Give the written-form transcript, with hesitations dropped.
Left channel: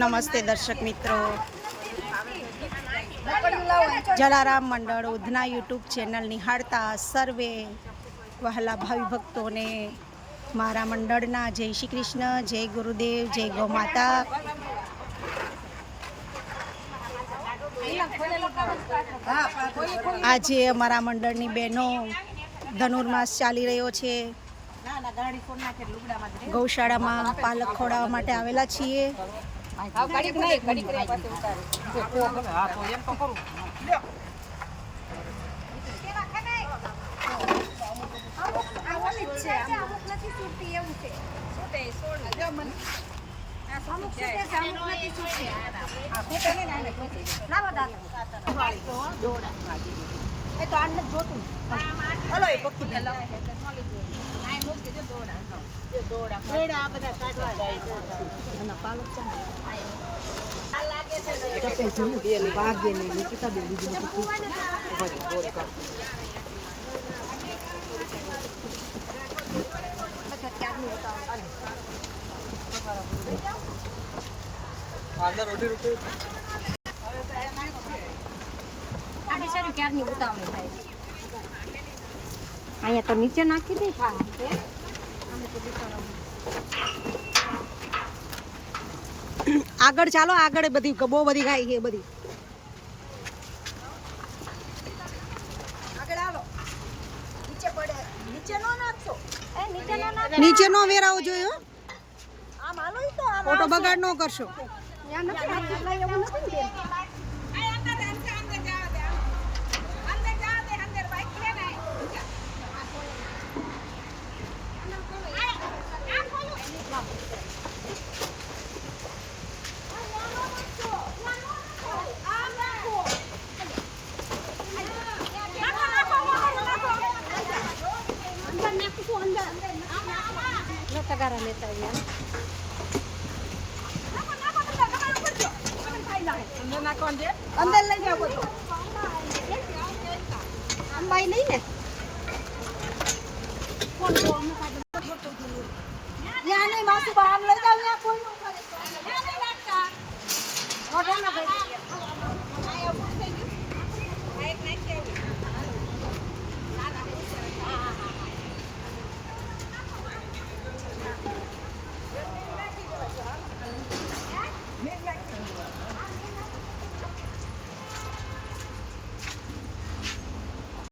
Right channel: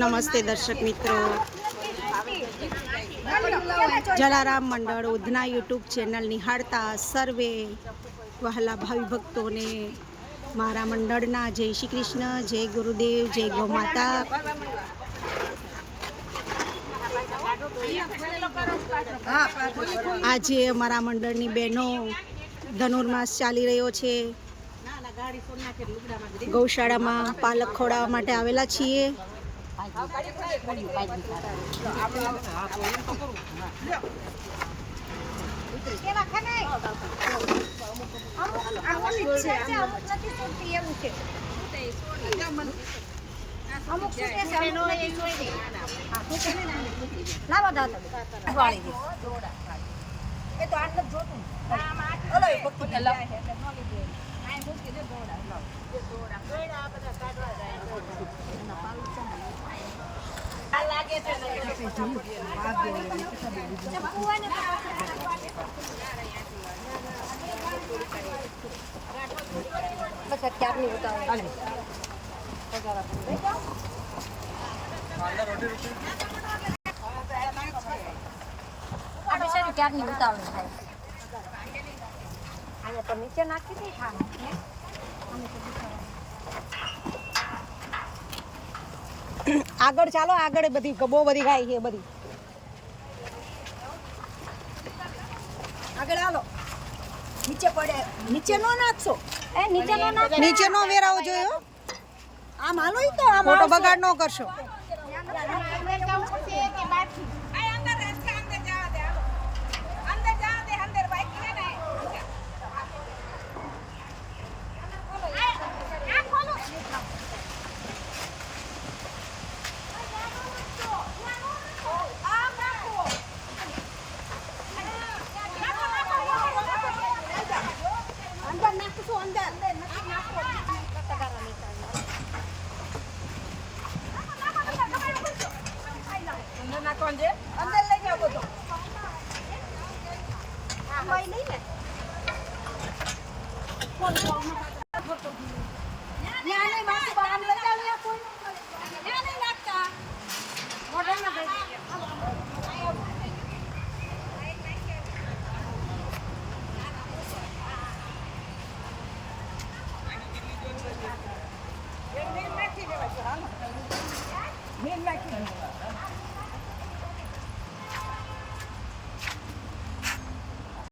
નમસ્તે દર્શક મિત્રો, જલારામ મંડળ ઉધના યુટ્યુબ ચેનલ નિહાળતા સર્વે વહાલા ભાવિ ભક્તોને મારા મંડળના જય શ્રી કૃષ્ણ, જય ગુરુદેવ, જય ગૌ માતા. આજે અમારા મંડળની બહેનો ધનુર્માસ ચાલી રહ્યો છે. ગૌશાળામાં પાલક ખવડાવવા માટે આવેલા છીએ. ક્યારની ઉતાવળી થાય અહીંયા તો નીચે નાખી દે. આગળ ચાલો, આગળ બધી બહુ બધી ગાય છે. બધી આગળ આવો. નીચે પડે, નીચે નો નાખશો. નીચે નો વેરાવો જોઈએ. આમ હાલો, તો ફોટો બગાડ ન કરશો. અંદર લઈ જાવ બધો. ભાઈ નહીં ને